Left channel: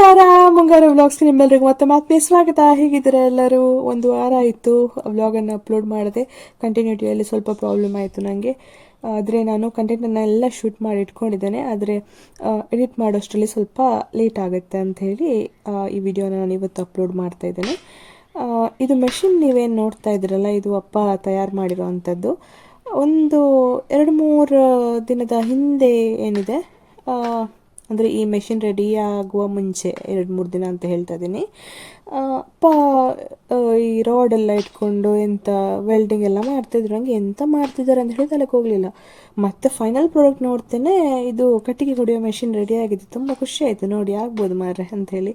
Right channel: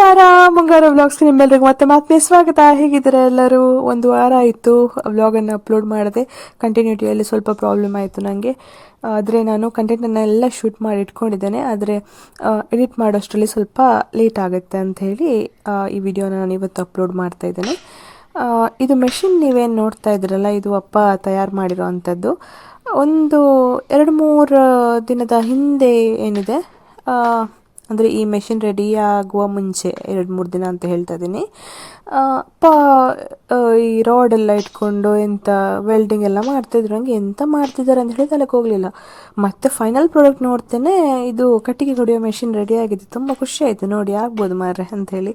ನಮಸ್ಕಾರ, ಮುಂಗಾರು ವ್ಲಾಗ್ಸ್ ನಿಮ್ಮೆಲ್ಲರಿಗೂ ಮತ್ತೆ ಮತ್ತೆ ಸ್ವಾಗತ. ಹೇಗಿದ್ದಾರೆ ಎಲ್ಲರೂ? ಒಂದು ವಾರ ಆಯಿತು ವ್ಲಾಗನ್ನು ಅಪ್ಲೋಡ್ ಮಾಡಿದೆ ಕಂಟಿನ್ಯೂಟಿಯಲ್ಲಿ ಸ್ವಲ್ಪ ಪ್ರಾಬ್ಲಮ್ ಆಯಿತು ನನಗೆ ಆದರೆ ನಾನು ಕಂಟೆಂಟನ್ನು ಎಲ್ಲ ಶೂಟ್ ಮಾಡಿ ಇಟ್ಕೊಂಡಿದ್ದೇನೆ. ಆದರೆ ಎಡಿಟ್ ಮಾಡೋಷ್ಟರಲ್ಲಿ ಸ್ವಲ್ಪ ಲೇಟ್ ಆಗುತ್ತೆ ಅಂತ ಹೇಳಿ ಈ ವಿಡಿಯೋನ ನಾನು ಇವತ್ತು ಅಪ್ಲೋಡ್ ಮಾಡ್ತಾ ಇದ್ದೇನೆ. ಇದು ಮೆಷಿನ್ ನೀವೇನು ನೋಡ್ತಾ ಇದ್ದೀರಲ್ಲ, ಇದು ಅಪ್ಪ ತಯಾರು ಮಾಡಿರೋ ಅಂಥದ್ದು. ಒಂದು ಎರಡು ಮೂರು ದಿನದ ಹಿಂದೆ ಏನಿದೆ ಅಂದರೆ ಈ ಮೆಷಿನ್ ರೆಡಿ ಆಗುವ ಮುಂಚೆ ಎರಡು ಮೂರು ದಿನ ಅಂತ ಹೇಳ್ತಾ ಇದ್ದೀನಿ ಪ ಈ ರಾಡ್ ಎಲ್ಲ ಇಟ್ಕೊಂಡು ಎಂಥ ವೆಲ್ಡಿಂಗ್ ಎಲ್ಲ ಮಾಡ್ತಿದ್ರು. ಹಂಗೆ ಎಂಥ ಮಾಡ್ತಿದ್ದಾರೆ ಅಂತ ಹೇಳಿ ತಲೆಗೆ ಹೋಗಲಿಲ್ಲ. ಮತ್ತೆ ಫೈನಲ್ ಪ್ರಾಡಕ್ಟ್ ನೋಡ್ತೇನೆ, ಇದು ಕಟ್ಟಿಗೆ ಹೊಡೆಯೋ ಮೆಷಿನ್ ರೆಡಿ ಆಗಿದೆ. ತುಂಬ ಖುಷಿ ಆಯಿತು. ನೋಡಿ, ಆಗ್ಬೋದು ಮಾರ್ರೆ ಅಂತ ಹೇಳಿ.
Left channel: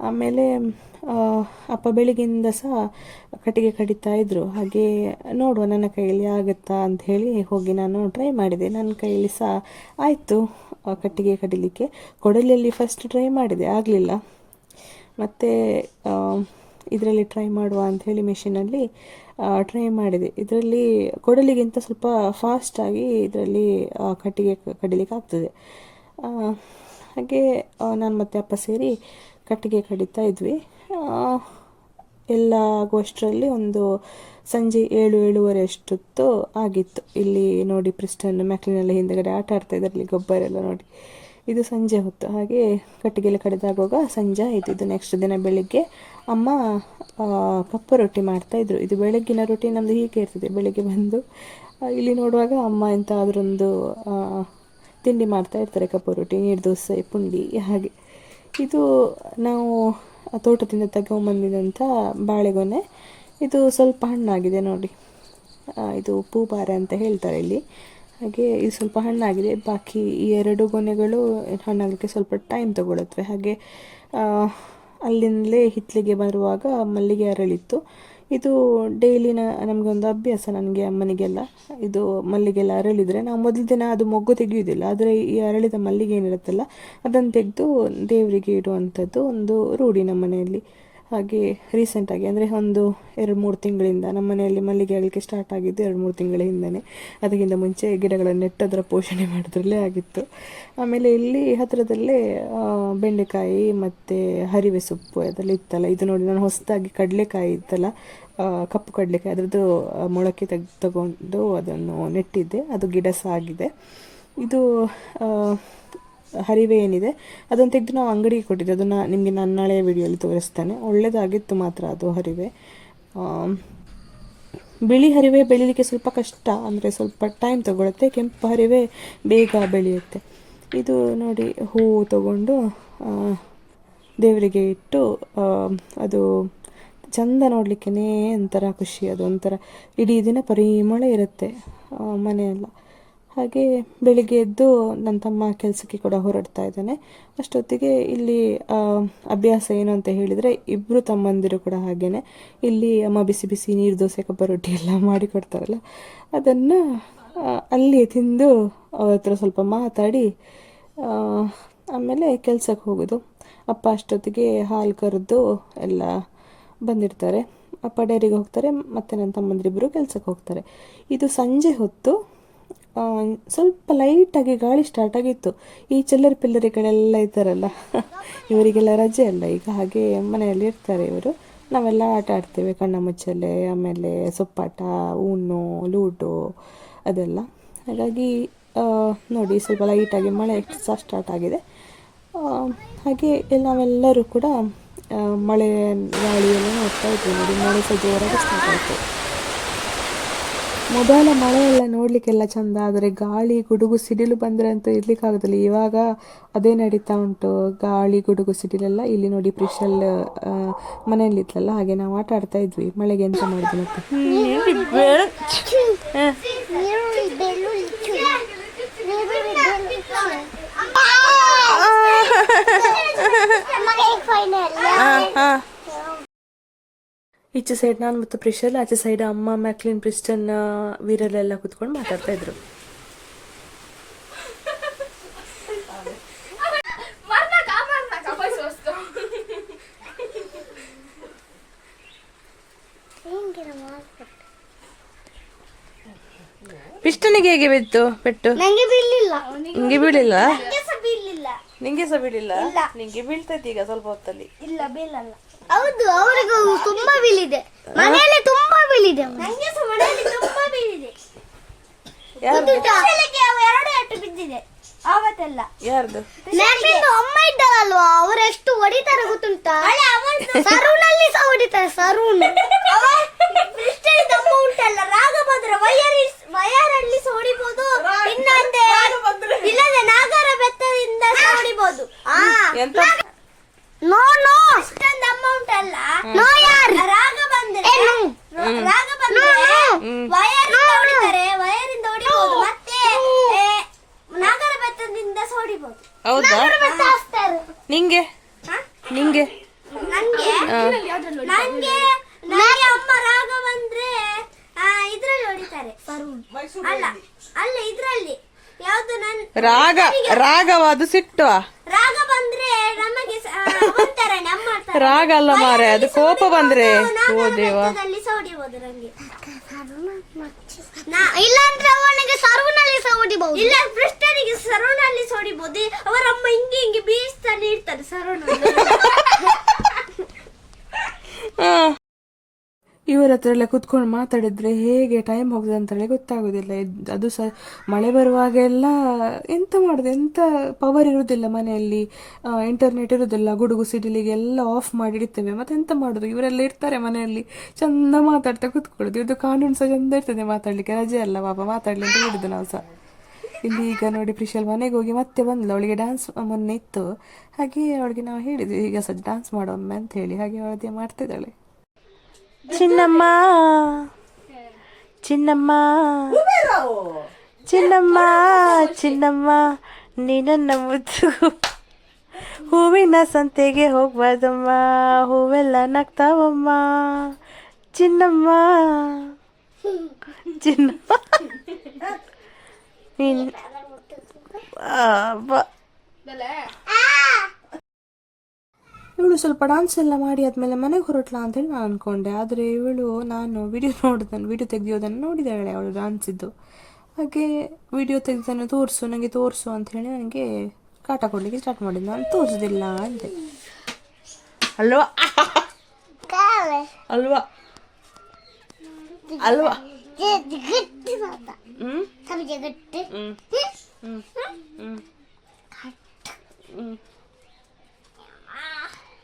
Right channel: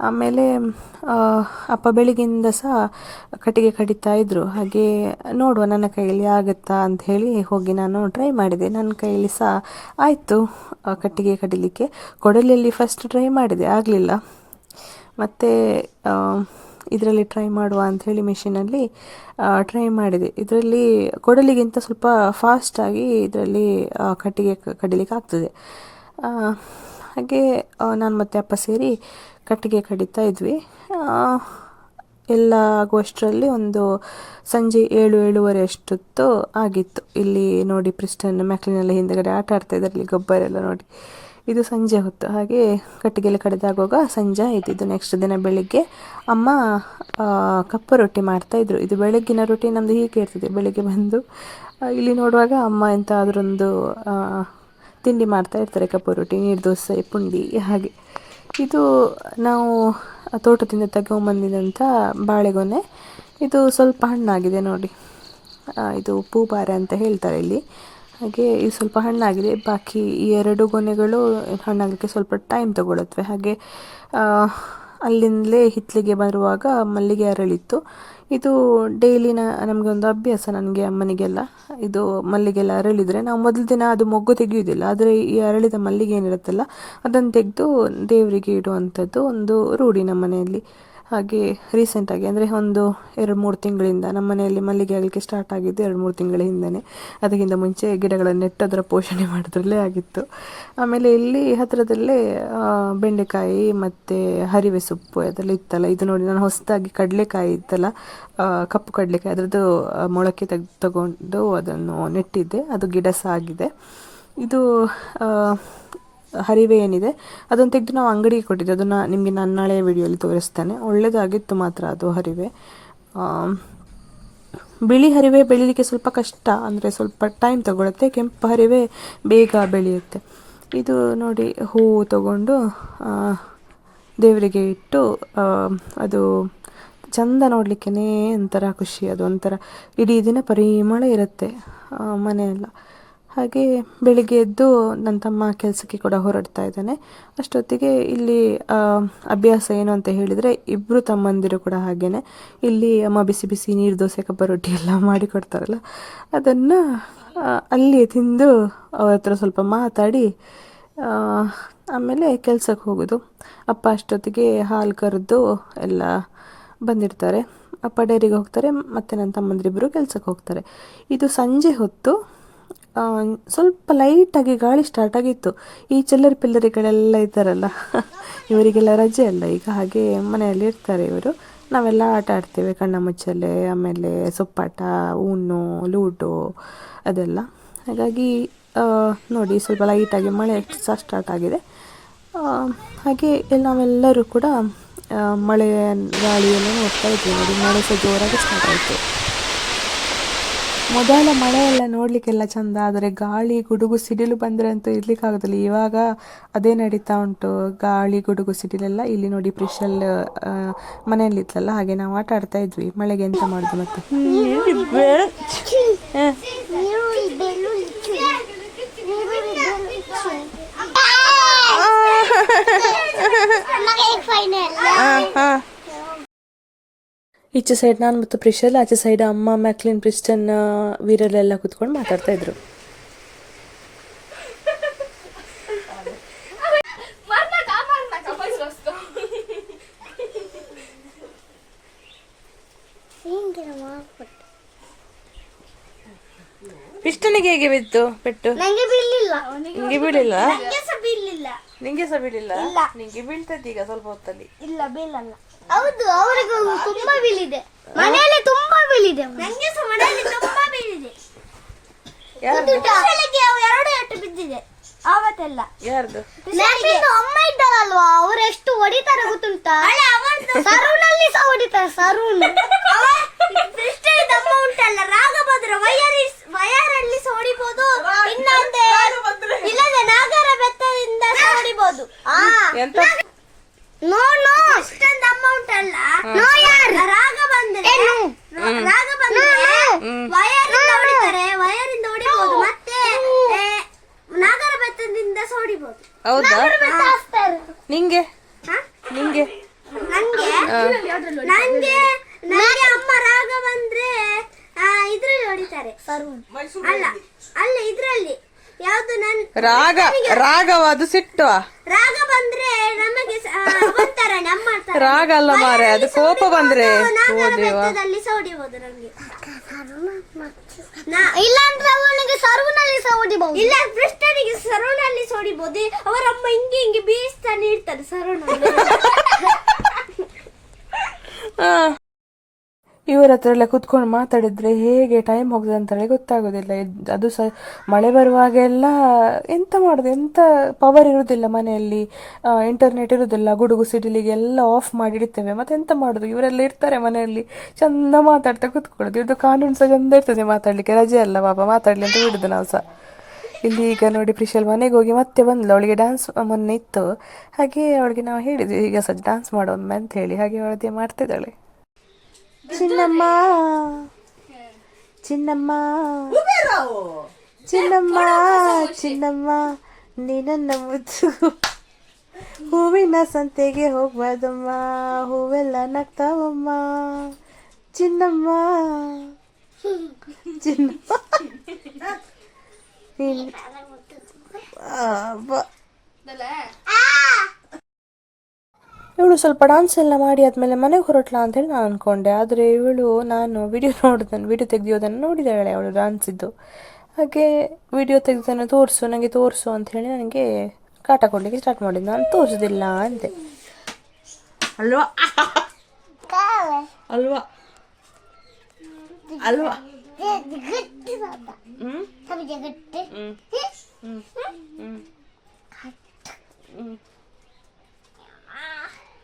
ಆಮೇಲೆ ಅಪ್ಪ ಬೆಳಿಗ್ಗೆಯಿಂದ ಸಹ ಕಟ್ಟಿಗೆ ಕಡಿತಾ ಇದ್ರು. ಹಾಗೆ ನೋಡುವ ನನ್ನ ಕೈಯಲ್ಲಿ ಆಗುತ್ತಾ ಅಂತ ಹೇಳಿ ಹೋಗಿ ನಾನು ಟ್ರೈ ಮಾಡಿದೆ. ನನ್ನ ಕೈಯಲ್ಲಿ ಸಹ ಆಯಿತು ಕಟ್ಟಿಗೆ ಕಡಿಲಿಕ್ಕೆ. ಕೊಡಲಿಯಲ್ಲಿ ಫಸ್ಟ್ ಟ್ರೈ ಮಾಡಿದೆ, ಆಗಲಿಲ್ಲ. ಮತ್ತು ಇದರಲ್ಲಿ ಟ್ರೈ ಮಾಡುವ ಅಂಥೇಳಿ ಮಿಷಿನಲ್ಲಿ ಟ್ರೈ ಮಾಡಿದೆ. ಇದರಲ್ಲಿ ಕೊಡಲಿಗಿಂತ ಸ್ವಲ್ಪ ಫಾಸ್ಟಾಗಿ ಇದರಲ್ಲಿ ಕಟ್ಟಿಗೆ ಕಡಿಲಿಕ್ಕೆ ಆಗ್ತದೆ. ಹಾಗೆ ನಾನು ಮತ್ತೆ ಅಪ್ಪ ಸೇರಿ ಕಟ್ಟಿಗೆ ಕಡಿತಾ ಇದ್ವಿ. ಎಲ್ಲ ಆಗುವಷ್ಟರಲ್ಲಿ ಒಂದು ಸಂಜೆ ಏಳು, ಏಳುವರೆ ಅಷ್ಟೊತ್ತು ಆಗಿತ್ತು. ಇಲ್ಲಿ ನೋಡಿ ಪ್ರಿಸ್ಟನ್ ಮೆಕ್ಲಿನೆಲ್ಲ ಹಿಂದೆಗಡೆ ಆಟ ಆಡ್ತಾ ಇದ್ದಾರೆ. ಗೊಬ್ಬರ ಎಲ್ಲ ನೋಡಿ. ಇದು ಸಂಜೆ ಹೊತ್ತು. ಹಾಗೆ ಕಟ್ಟಿಗೆಲ್ಲ ಕಡಿದಾಗುವಾಗ ಸಂಜೆ ಆಯಿತು. ಇದು ನೆಕ್ಸ್ಟ್ ದಿನ ಬೆಳಿಗ್ಗೆ. ಅಮ್ಮ ಕಪ್ಪು ರೊಟ್ಟಿ ಮಾಡ್ತಾಯಿದ್ರು ಇದು ಬೆಳಗ್ಗಿನ ರೊಟ್ಟಿ. ನಮ್ಮದು ಹೀಗೆ ಇರ್ತದೆ. ಬೆಳಿಗ್ಗೆ ಬಂದು ಇಲ್ಲಿ ನೋಡುವಾಗ ಅಮ್ಮ ಎಂಥ ಅದರೊಂದು ತಿಂಡಿ ಮಾಡ್ತಾ ಇರ್ತಾರೆ. ಕಪ್ಪು ರೊಟ್ಟಿ, ನೀರು, ದೋಸೆ, ಪುಂಡಿ, ಹಾಗೆ. ಇದು ನಾವು ತೋಟದಿಂದ ತಗೊಂಬಂದಿದಂಥ ಬಾಳೆಗೊನೆ. ಇದು ಸ್ವಲ್ಪ ಹಣ್ಣಾಗಿದೆ ನೋಡಿ. ಇದು ಪೂಬಾರೆ ಅಂತ ಹೇಳ್ತಾರೆ ಇಲ್ಲಿ. ಹಾಗೆ ಇದು ಸ್ವಲ್ಪ ಹಣ್ಣಾಗಿದೆ. ಬಾಕಿ ಈ ಎರಡು ಗೊನೆಗಳು ಹಣ್ಣಾಗಲಿಕ್ಕೆ ಸ್ವಲ್ಪ ಟೈಮ್ ತಗೊಳ್ಳುತ್ತವೆ ಹಾಗೆ ಅಲ್ಲಿಂದಲೇ ಹಿತ್ತಲಿಗೆ ಬರುವಾಗ ಮಲ್ಲಿಗೆ ಅರಳಿತ್ತು. ಇದು ಡೈಲಿನ ನಮಗೆ ಒಂದು ಅಭ್ಯಾಸ ನನಗೆ ಅಮ್ಮನಿಗೆಲ್ಲ. ಇದು ಮಲ್ಲಿಗೆಲ್ಲ ಅರಳಿದರೆ ನಾವು ಮೊದಲ ದಿನ ಅದು ಮೊಗ್ಗು ತೆಗೆಯುವುದಿಲ್ಲ ಆದರೆ ಈ ಅರಳಿದ ಮಲ್ಲಿಗೆ ಏನಿರುತ್ತಲ್ಲ ಅದನ್ನು ತೆಗೆದು ದೇವರಿಗೆ ಇಡುವಂಥದ್ದು ಒಂದು ರೂಢಿ ನಮ್ಮ ಮನೆಯಲ್ಲಿ. ಹಾಗೆ ರೀಸೆಂಟಾಗಿ ಅಂದರೆ ಒಂದು ಎರಡು ಮೂರು ತಿಂಗಳಿಂದ ನಮ್ಮ ಮನೆಯಲ್ಲಿ ಮಲ್ಲಿಗೆ ಆಗಲಿಕ್ಕೆ ಸ್ಟಾರ್ಟ್ ಆಗಿದ್ದು ಎರಡು ಮೂರು ತಿಂಗಳ ಹಿಂದೆ ಅದಕ್ಕಿಂತ ಮುಂಚೆ ಗಿಡಗಳನ್ನು ನೆಟ್ಟು ಅದರ ಪೋಷಣೆ ಮಾಡೋದ್ರಲ್ಲೇ ಆಗಿತ್ತು. ಆಮೇಲೆ ಇಲ್ಲಿ ಹತ್ತಿರದಲ್ಲೇ ಬೆಂಡೆಕಾಯಿ ಮತ್ತು ಹರಿವೆ ಸೊಪ್ಪು ಅದೆಲ್ಲ ಇತ್ತಲ್ಲ. ಇದು ನೋಡಿ ನಾನು ಹೊಸದಾಗಿ ಕಡಲೆಕಾಯಿ ಇತ್ತಲ್ಲ ಕಪ್ಪು ಕಡಲೆಕಾಯಿ, ಅದರದ್ದು ಮೊಳಕೆ ತೆಗೆದು ತಗೊಂಡು ಅದನ್ನು ನೆಟ್ಟಿದ್ದೆ. ಅದು ಗಿಡ ಸಹ ಆಗಿದೆ ಇದು ಹರಿವೆ ಏನಿದೆ, ಅದನ್ನು ತೆಗೆದು ನಾವು ಅಂಗಡಿಗೆ ಕೊಟ್ಟಿದ್ದೆ. ಅದನ್ನು ನಿಮಗೆ ನಾನು ನಾಳೆ ವಿಡಿಯೋಲಿ ತೋರಿಸ್ತೇನೆ. ಒಳ್ಳೆಯದಾಗಿತ್ತು ಮಾತ್ರ ಅದು ಹರಿವೆ. ಬಿಳಿ ಹರಿವೆ ಬೆಳೀಲಿಕ್ಕೆ ಸ್ವಲ್ಪ ಕಷ್ಟ, ಅಂದರೆ ಸ್ವಲ್ಪ ಟೈಮ್ ತಗೊಳುತ್ತೆ. ಕೆಂಪು ಹರಿವೆ ಬೇಗ ಬೆಳೆಯುತ್ತೆ. ಇದು ನೋಡಿ ಹೂವು ತಗೊಂಡು ದೇವರಿಗೆ ಇಟ್ಟು ಅದು ಚಂದ ನೋಡಲಿಕ್ಕೆ ಒಂಥರ ಖುಷಿ, ಅದು ಒಂಥರ ಇಡೀ ದಿನ ಪರಿಮಳ ಇರುತ್ತೆ. ಮನೆಯೆಲ್ಲ. ಹಾಗೆ ಬೆಳಿಗ್ಗೆ ಎದ್ದು ನನ್ನ ತಮ್ಮ ಕೆಲಸಕ್ಕೆ ಕೂಡ ಹೊರಡ್ತಾ ಇದ್ದಾನೆ. ಅಷ್ಟೊತ್ತಿಗೆ ಇಲ್ಲಿ ಅಭ್ಯಾಸ ಏನು ಅಂತ ಹೇಳಿದರೆ ಇಬ್ಬರು ತಮ್ಮಂದಿರು ಕೂಡ ಹಾಗೇನೆ. ಇಲ್ಲಿ ಅಮ್ಮ ಬಿಸಿ ಬಿಸಿ ನೀರು ದೋಸೆ, ಕಬ್ಬ ರೊಟ್ಟಿ ಎಲ್ಲ ಮಾಡಿ ಕೊಡ್ತಾರಲ್ಲ. ಅದನ್ನು ಅಲ್ಲಿ ತಿಂದು ಅವ್ರ ಹತ್ರ ಸ್ವಲ್ಪ ಮಾತಾಡಿ ಆಮೇಲೆ ಕೆಲಸಕ್ಕೆ ಹೋಗೋದು. ಅಪ್ಪ ಅಷ್ಟೊತ್ತಿಗೆ ಹಾಲು ಕರೆದು ಎಲ್ಲ ಬಂದಿರ್ತಾರೆ. ಅಪ್ಪ ಡೈರಿಗೆ ಹೋಗ್ತಾರೆ, ಮತ್ತು ನನ್ನ ತಮ್ಮಂದಿರಿಬ್ಬರು ಕೆಲಸಕ್ಕೆ ಹೋಗ್ತಾರೆ. ಇದು ಸಂಜೆ ಹೊತ್ತು ಸ್ವಲ್ಪ ಲೈಟಾಗಿ ಗಾಳಿ ಸ್ಟಾರ್ಟ್ ಆಗಿತ್ತು. ಈ ಚಿಲ್ಲರ್ ಪಿಲ್ಲರಿಗಳೆಲ್ಲ ಇದ್ದಾರಲ್ಲ, ಇವರಿಗೆಲ್ಲ ರಜೆ ಅಲ್ಲ, ಈಗ ಹಾಗೆ ಮನೆಯಲ್ಲಿ ಇರ್ತಾರೆ ಇವರು. ನಾವೆಲ್ಲ ಆಟ ಆಡ್ತೇವೆ, ಕಣ್ಣ ಮುಚ್ಚಲೆ, ಆಮೇಲೆ ಸೊಪ್ಪಾಟ ಊನು ಲೂಡೋ, ಅದೆಲ್ಲ. ಹಾಗಾಗಿ ನೋಡಿ ಸ್ವಲ್ಪ ಲೈಟಾಗಿ ಮಳೆ ಸಹ ಸ್ಟಾರ್ಟ್ ಆಗಿದೆ. ಹಾಗೆ ನಾವೆಲ್ಲರೂ ಕೂಡ ಮಳೆ ಗಾಳಿಯನ್ನು ನೋಡ್ತಾ ಇದ್ವಿ ನೋಡಿ, ಮಳೆ ಸಹ ಜೋರಾಗಿ ಸ್ಟಾರ್ಟ್ ಆಯಿತು. ಮೊದಲ ಮಳೆ ಎಲ್ಲ ನೋಡಲಿಕ್ಕೆಲ್ಲ ಚಂದ ಆದರೆ ಗಾಳಿ ಗುಡುಗು ಸಿಡಿಲು ಬಂದರೆ ಅಂತೂ ಇರ್ಲಿಕ್ಕಾಗೋದಿಲ್ಲ. ಇವಾಗ ಅದೇ ನಡೀತಾ ಉಂಟು. ಗಾಳಿ ಗುಡುಗು ಸಿಡಿಲೆಲ್ಲ ಇಲ್ಲಿ ನೋಡಿ ಪ್ರಿಶಲ್ ಮನೆಯಲ್ಲಿ ಇತ್ತಲ್ಲ ಹಾಗೆ ನಾವು ಆಟ ಆಡ್ತಾ ಇದ್ವಿ. ಮಳೆಗೆ ಎಂತ ಮಾಡೋದು ಮತ್ತೆ? ಹಾಂ. ಬೆಳ್ಳುಳ್ಳಿ ಈಚೆ ಸೈಡ್ ನಾನು ಮತ್ತು ಪ್ರಿಶಲ್ ಆಚೆ ಸೈಡ್ ಅಮ್ಮ ಮ್ಯಾಕ್ಲಿನ್ ಪ್ರಿಸ್ಟನ್ ವೀರಲ್ಲೆಲ್ಲ ಕುತ್ಕೊಂಡು ಮಾತಾಡ್ತಾ ಇದ್ರು. sosto. ಹಿಂಗೆ ಬಿತ್ತು ಪೆಟ್ಟು? ನಂಗೆ ಬೀಳಿಲ್ಲ ನಂಗೆ ಸಹ ಬೀಳಿಲ್ಲ ನಿಂಗೆ ಸಹ ಬೀಳಿಲ್ಲ ಇಲ್ಲ. ನಿಂಗೆ ಬೀಳ್ತೈತಿ ಈಗ ಸ್ವಲ್ಪ ಹೊತ್ತಲ್ಲಿ? ಇಲ್ಲ ಬೀಳಲ್ಲ. ಹೌದು ಅವರಿಗೂ ತುಂಬಾ ಬೀಳಿದೆ. ಮನೆಯಲ್ಲಿ ತುಂಬಾ ಬೀಳಿದೆ ನಂಗೆ ಸಹ ಮನೆಯಲ್ಲಿ ತುಂಬಾ ಬೀಳಿದೆ. ಯಾರ್ದು? ಬೆಳಗ್ಗೆ ಅವು ಎರಡು ಎಟ್ಟು ಬಿದ್ದಿದೆ. ಆವತ್ತೆಲ್ಲ. ಯಾರ್ದು? ಅಮ್ಮ ಇದ್ದಾರಲ್ವಾ ಅವ್ರು ಎಷ್ಟು ಹೊಡಿತಾರೆ ಗೊತ್ತುಂಟಾ? ಸರೂನಲ್ಲಿ ಸಹ ಹೊಡಿತಾರೆ ಸರೂನ್. ಅಮ್ಮ ಉಂಟಲ್ಲ ರಾಗಭದ್ರ ವಯರ್ ವಯರಲ್ಲಿ ಸಹ ಹೊಡಿಬಹುದು ಇನ್ನೊಂದೆ ಇಲ್ಲದೆ ನಾಗರ ಬೆತ್ತದಿಂದ ಸಹ ಹೊಡಿಬಹುದು ಎಂತ ನೋ ನೋ ಇಷ್ಟೊಂದು ಅಮ್ಮ ಉಂಟಲ್ಲ ರಾಗ ಬಂದ್ರೆ ರಾಗ ಬಂದ್ರೆ ವಯರ್ ಇಂದ ಹೊಡಿತಾರೆ ವಯರ್ ಇಂದ ಹೊಡಿಬಹುದು ಮತ್ತೆ ಏ, ನಾಗರ ಬೆತ್ತದಿಂದ ಸಹ ಹೊಡಿಬಹುದು ಹೌದಾ ನಿಂಗೆ ಹ? ನಿಂಗೆ ನಂಗೆ ಆ. ನಂಗೆ ನಂಗೆ ಅಮ್ಮ ರಾಗ ಬಂದ್ರೆ ಆ, ಇದ್ರಲ್ಲಿ ಹೊಡಿತಾರೆ. ಅಲ್ಲ ಅಲ್ಲ ಇದ್ರಲ್ಲಿ. ಯಾವ್ದು ನನ್ ರಾಗ ರಾಗವ ಅದು ಸಿಟ್ಟು. ರಾಗ ಬಂದ್ರೆ ನಮಗೆ ಒಂಥರ ನಮ್ಮ ರಾಗ ಅಲ್ಲ ಮಾರೆ ಅದು ಕೋಪ ಬಂದ್ರೆ ಹೊಡಿಬಹುದು ಇಲ್ಲಾಂದ್ರೆ ಅವನಿಗೆ ಸರ್ವನಲ್ಲಿ ಸಹ ಹೊಡಿಬಹುದು ಇಲ್ಲ ಕೃಷ್ಣನಿಗೆ ಸರ್ವನಲ್ಲಿ ಹೊಡಿಬಹುದು ಅವರಮ್ಮ ಹಿಂಗೆ ಹಿಂಗೆ ಬೀಸ್ತಾನೆ ಇರ್ತಾರೆ ಸರ್ವನಲ್ಲಿ ಇವ್ರ ಹತ್ರ ಎಲ್ಲ ಕುತ್ಕೊಂಡು ಮಾತಾಡಿದ್ರೆ ಹೇಗೆ ಟೈಮ್ ಹೋಗ್ತದೆ ಅಂತೇಳಿ ಗೊತ್ತಾಗೋದಿಲ್ಲ. ಅದು ಸಹ ಮಳೆ ಬರುವಾಗೆಲ್ಲ ಎಂತ ಮಾಡೋದು? ಎಂತ ಪವರ್ ಇರುವುದಿಲ್ಲ ಮನೆಯಲ್ಲಿ. ಇಂಟರ್ನೆಟ್ ಇರುವುದಿಲ್ಲ, ಗುಡುಗು ಸಿಡಿಲಿಗೆ ಎಲ್ಲ ಆಫ್ ಮಾಡಿ ಇಡ್ತೇವೆ. ಮತ್ತೆ ಎಂತ ಮಾಡೋದು? ಇವರೆಲ್ಲ ಇರ್ತಾರೆ ಮನೆಯಲ್ಲಿ. ಚಂದ ಮಾತಾಡ್ತಾ ಕುತ್ಕೊಳ್ಳೋದು. ಇದು ಕಾನೂನು ಸಹ ಚಂದ ಇರ್ತದೆ ಮಾತಾಡ್ಲಿಕ್ಕೆ. ರಜೆ ಅಲ್ಲ ಪಾಪ, ಮಾತಾಡ್ಲಿ ಅಂತ ಹೇಳಿದ್ದು ನಾವು ಸಹ ಇಲ್ಲಿ ಈಗ ನೋಡಿ ಪ್ರಿಶಲ್ ಮನೆಗೆ ಹೋಗಿ ಮತ್ತೆ ಬಂದ್ಲು. ಅವಳಿಗೆ ಡ್ಯಾನ್ಸ್ ಮೊನ್ನೆ ಇತ್ತು. ಹಾಗೆ ಅವಳಿಗೆ ನಾವು ಹೇಳಿದ್ವಿ, ಈಗ ಸ್ವಲ್ಪ ಡ್ಯಾನ್ಸ್ ಮಾಡೋಮ್ಮೆ ಅಂತ ಹೇಳಿ. ಹಾಗೆ ಅವಳದೇ ಮಾಡ್ತಿದ್ದಾಳೆ. ಚಿನ್ನಮ್ಮ ಚಿನ್ನಮ್ಮ ಚಿನ್ನಮ್ಮ ಚಿನ್ನಮ್ಮ ನೀನನ್ನ ಮುದ್ದು ಹೂವಿನ ಸಂತೆಗೆ ಹೋಗ್ಬಾರ್ದಮ್ಮ, ಹೂವೆಲ್ಲ ನಗ್ತಾವಮ್ಮ. ಚಿನ್ನಮ್ಮ ಚಿನ್ನಮ್ಮ. ನೀನ್ ಇವಳು ಸ್ವಲ್ಪ ಡಾನ್ಸ್ ಎಲ್ಲ ಮಾಡಿ ಆದಮೇಲೆ ಮನೆಗೆ ಹೊರಟ್ಲಾ ಅಂತೇಳಿ ನಾನು ಅಂದ್ಕೊಂಡೆ ಆದರೆ ಇವಳು ನಾನು ವಿಡಿಯೋ ನೋಡಿದ್ದಾನೆ ವಿಡಿಯೋ ತೆಗೆಯೋದನ್ನು ನೋಡಿದ್ದಾಳೆ ಅವಳು ಡಾನ್ಸ್ ಇದ್ದು ಹಾಗೆ ವಿಡಿಯೋ ತೆಗೆದನ್ನು ತೋರಿಸು ನನಗೆ ತೋರಿಸು ಅಂತ ಹೇಳಿ ನನಗೆ ಕಾಟ ಕೊಡಲಿಕ್ಕೆ ಸ್ಟಾರ್ಟ್ ಮಾಡಿದ್ದು. ನಾನು ತೋರಿಸೋದಿಲ್ಲ ಅಂತೆ ಅಲ್ವಾ? ಅಲ್ವಾ? ಅಲ್ವಾ? 그때 봤다. 응? 삼이제 그때? 응. 응? 응. 응.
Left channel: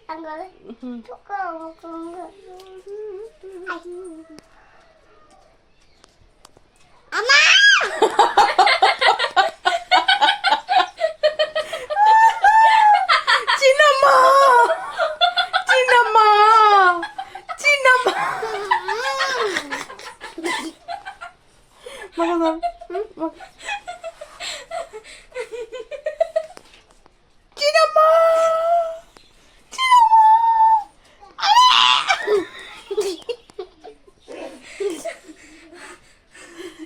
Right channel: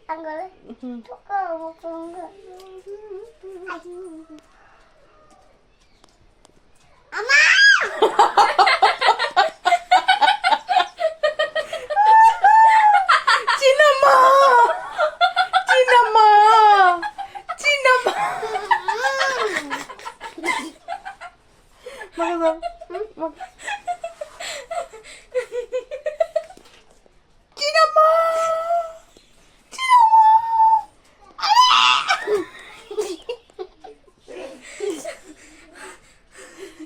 안 그래? 조금 먹고 온 거. kafadan. Dinamo! Dinamo!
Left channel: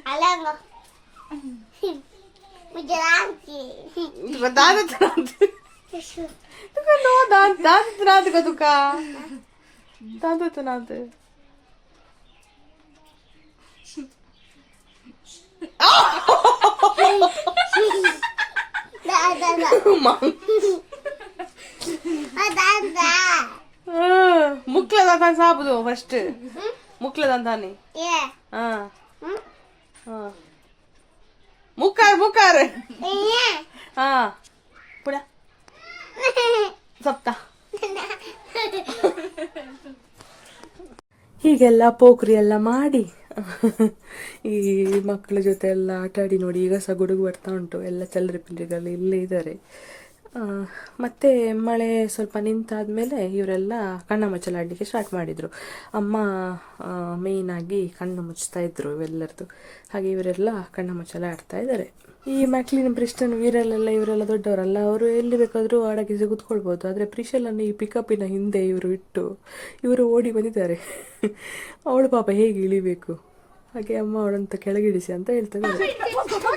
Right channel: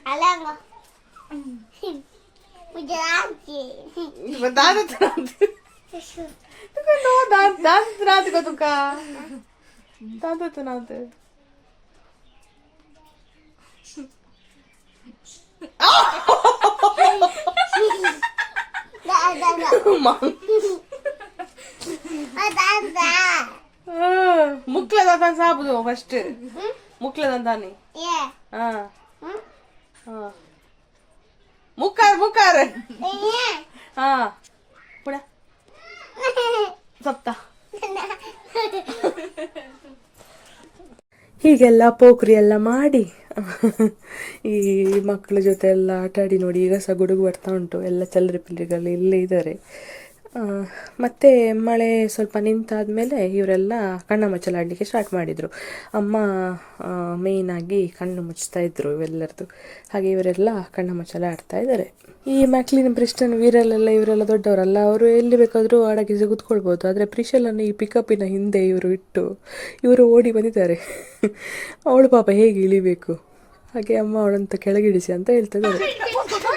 Alama. Bu geldi. Bu daha da tanıdı. Tuka no, daha daha tanıdı tuka. Daha da tanıdı. ಸಾಬುದು ಫಸ್ಟ್ ಮುಕ್ಲದಂತಾನೆ ಏ ಹಾ ಹ್ಮ್ ಹಾ ಮುಕ್ಕಾರ್ ಮುಕ್ಕಾರ್ ಏ ಹಾ ಪುಡ ಸಪ್ತ ಹೀಗೆಲ್ಲ ಪೋಖ್ರಿ ಎಲ್ಲ ಮಾಡಿ ಈ ಮಕ್ಕಳ ಜೊತೆ ಎಲ್ಲ ಆಟ ಆಡಿ ನೋಡಿ ಈಗ ಸಹ ಗುಡುಗು ಬರ್ತಾ ಉಂಟು. ಎಲ್ಲ ಚಲ್ಲರಿ ಪಿಲ್ಲರಿಗಳು ಇಲ್ಲೇ ಇದ್ದಾರೆ. ಮತ್ತೆ ಮಳೆ ಸ್ವಲ್ಪ ನಿಂತಾದ್ಮೇಲೆ ಇವರೆಲ್ಲ ಕಣ್ಣ ಮುಚ್ಚಲಾಡಲಿಕ್ಕೆ ಸ್ಟಾರ್ಟ್ ಮಾಡಿದರು. ಅಮ್ಮ ಮೇಯ್ನಾಗಿ ಕಣ್ಣು ಮುಚ್ತಾ ಇದ್ರು ಇವೆಲ್ಲರದು ಹಾಗೆ ಇವರೆಲ್ಲ ಕಣ್ಣ ಮುಚ್ಚಲ ಆಡ್ತಾ ಇದ್ದಾರೆ. ಈ ಮ್ಯಾಕ್ಲಿನ್ ಪ್ರಿಸ್ಟನ್ ವೀರಲ್ಲೆಲ್ಲ ಇವರೆಲ್ಲ ದೊಡ್ಡವರಲ್ಲ. ಅವರು ಎಲ್ಲಿ ಬೇಕಾದರೂ ಆಡಕ್ಕೆ ಕೂತ್ಕೊಳ್ಬೋದು ಆದರೆ ಪ್ರಿಶಲನ್ನು ಈ ಪಿಕಪ್ಪಿನ ಹಿಂದೆ ಇವರು ಇಟ್ಟು ಇವರು ಓಡಿ ಬಂದಿದ್ದಾರೆ. ಅವಳು ಪಾಪ ಹೇಗೆ ಇಳಿಬೇಕು? ಹಾಗೆ ಅಮ್ಮ ಅವಳಂತ ಕೆಳಗಿಳಿಸಿ ಅಂತ ಹೇಳ್ತಿದ್ದಾರೆ. ಎಣ್ಣೆ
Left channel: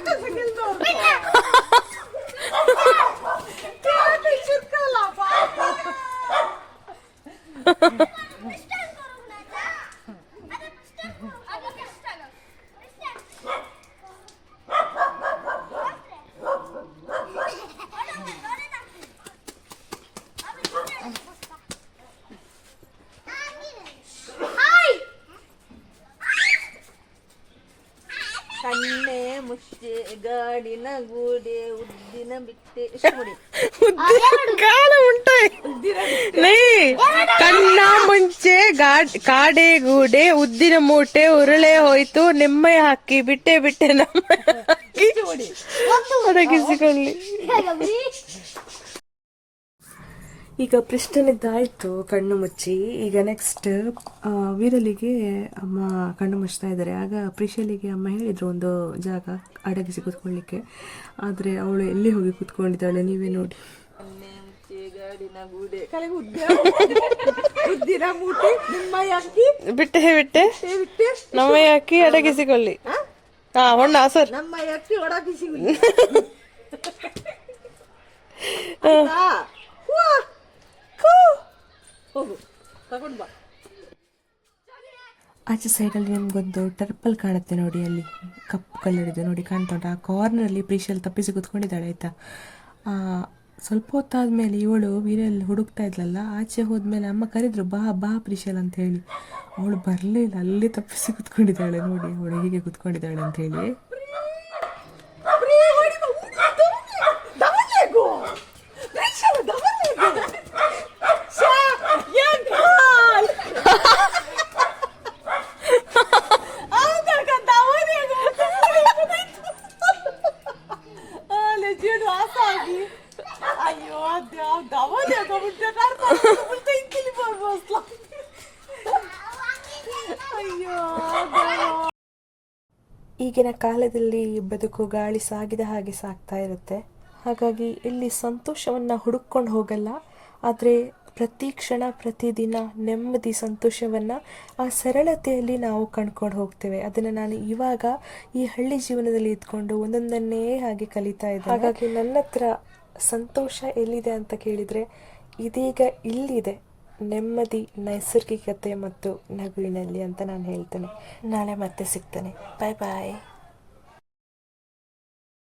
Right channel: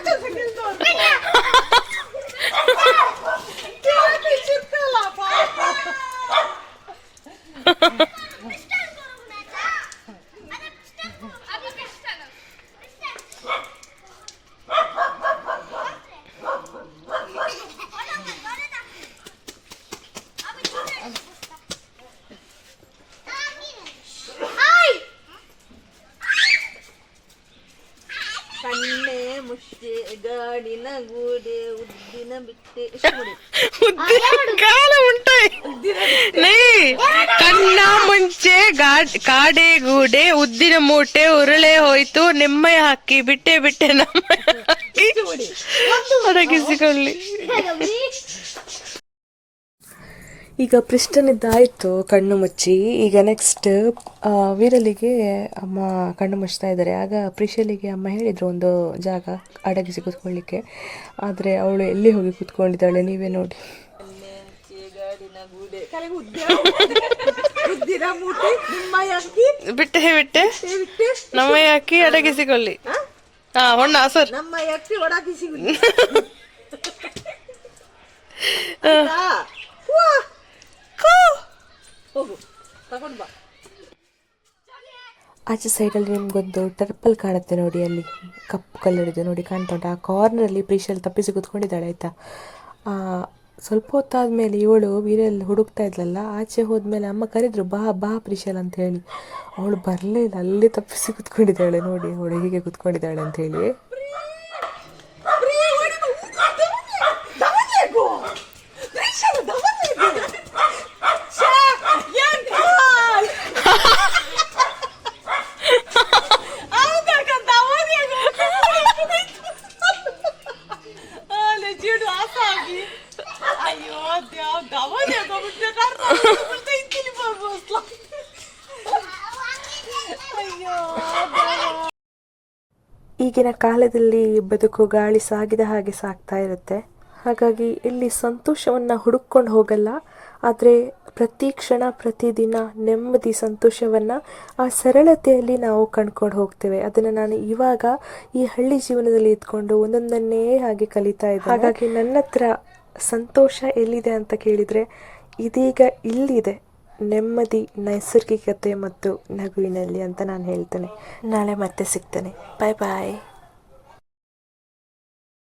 ಮುಷ್ಟೆ ಗಾಡಿನ ಗೂಡೆ ಉದ್ದಿನ ಬಿಟ್ಟೆ. ಇಷ್ಟು ನೋಡಿ. ಕಾಲ ಕಣ್ಣ ಮುಂಚೆ ಗಾಡ್ ಕಾಡೆ ಗೂಡೆ ಉದ್ದಿನ ಮೂಟೆ ಉರುಳೆ ಹೋಯ್ತು. ನಿಮ್ಮೆ ಹಾಕಿ ಬಿಟ್ಟೆ ಬಿಟ್ಟೆ ನಮ್ಮ ಹಾಕಿ. ಅಡಗಿಸಿಕೊಳ್ಳಿ ಈಗ ಪೃಷ್ಠನಿದ್ದಾಯಿತು ಕಣ್ಣು ಮುಚ್ಚಿ. ಈಗ ನೆಕ್ಸ್ಟ್ ವೀರಲಿಗೆ ಅಮ್ಮ ಕಣ್ಣು ಮುಚ್ತಾ ಇದ್ದಾರೆ. ಆಗ ಪ್ರಿಶಲಿಗೆ ಅಮ್ಮ ಹೇಳಿದ್ರು ಒಂದು ಜಾಗ ಅಡಗಿಸಿ ಕೂತ್ಕೊಳ್ಳಿಕ್ಕೆ ಆದರೆ ಅವಳು ಎಲ್ಲಿ ಹೋಗಿ ಕೂತ್ಕೊಂಡಿದ್ದಾಳೆ ನೀವೇ ನೋಡಿ. ಬಿಟ್ಟೆ ಬಿಟ್ಟೆ. ನಮ್ಮ ಅಕ್ಕಿ ಅಡಗಿಸಿಕೊಳ್ಳಿ ಹಾ ಹೊಣ್ಣ ಸರ್. ನಮ್ಮ ಅಕ್ಕಿ ಒಡಾಕಿ ಸಿಗುದು ಬಾ ಆಚೆ ಸೈಡಲ್ಲಿ ನಿಮ್ಗೊಂದು ಟರ್ಪಲ್ ಕಾಣುತ್ತೆ ನೋಡಿ, ಅಲ್ಲಿ ಕಪ್ಪು ಕಲರ್ ಇದೆ ನೋಡಿ, ಕಾಣ್ತಾ ಉಂಟು. ಆ ಕಾರ್ನರಲ್ಲಿ ಪ್ರೀಶಲ್ ತಪ್ಪಿಸಿ ಕೂತ್ಕೊಂಡಿದ್ದಾಳೆ, ಆಯ್ತಾ? ಸ್ವಲ್ಪ ಹೊತ್ತಾದ್ಮೇಲೆ ಇವಳು ವೀರಲ್ಲಿ ಹುಡುಕ್ತಾ ಇದ್ಲಲ್ಲ, ಆಚೆ ಹೋದ್ಮೇಲೆ ಅಮ್ಮ ಕರೆದ್ರು, ಬಾ ಬಾ ಪ್ರೀಶಲ್ ಅಂತ ಹೇಳಿ. ಅವಳು ಬರಲಿಲ್ಲ, ಅಲ್ಲಿ ತಪ್ಪಿಸಿ ಕೂತ್ಕೊಂಡಿದ್ದಾಳೆ ನೋಡಿ, ಅವಳು ಹೀಗೆ ಕೂತ್ಕೊಂಡಿದ್ದಾಳೆ ಅಂತ ಹೇಳಿ. ಈಗಿನ ಕಾಲದಲ್ಲಿ ಬದುಕು ಗಾಳಿ ಸಾಗಿದ ಹಾಗೆ ಸಾಗ್ತಾ ಇರುತ್ತೆ. ಹಾಗಾಗಿ ಇಲ್ಲಿ ಸಂತೋಷವನ್ನು ಹುಡುಕೊಂಡು ಹೋಗಲ್ಲ. ಆದರೆ ಪ್ರತಿ ಕ್ಷಣ ಪ್ರತಿದಿನ ನೆಮ್ಮದಿ ಸಂತೋಷವನ್ನು ಆ ಸರಳತೆಯಲ್ಲಿ ನಾವು ಕಂಡ್ಕೊಂಡು ಹೋಗ್ತೇವೆ. ಅದನ್ನು ನಾನು ಇವಾಗ ಈ ಹಳ್ಳಿ ಜೀವನದಲ್ಲಿ ಇದ್ಕೊಂಡು ಒಂದೊಂದನ್ನೇ ಹಾಗೆ ಕಲಿತಾ ಇದ್ದೆ ಹಾಗಾಗಿ ನನ್ನ ಹತ್ರ ಸಂತೋಷ ಎಲ್ಲಿದೆ ಅಂತ ಕೇಳಿದರೆ ಇದೀಗ ಇಲ್ಲಿದೆ. ನೆಮ್ಮದಿ, ನೈಸರ್ಗಿಕತೆ ಮತ್ತು ನಗುವಿನಲ್ಲಿ ಅಂತ ನಾನು ಹೇಳ್ತೇನೆ. ನಾಳೆ ಮತ್ತೆ ಸಿಗ್ತೇನೆ. ಬಾಯ್ ಬಾಯ್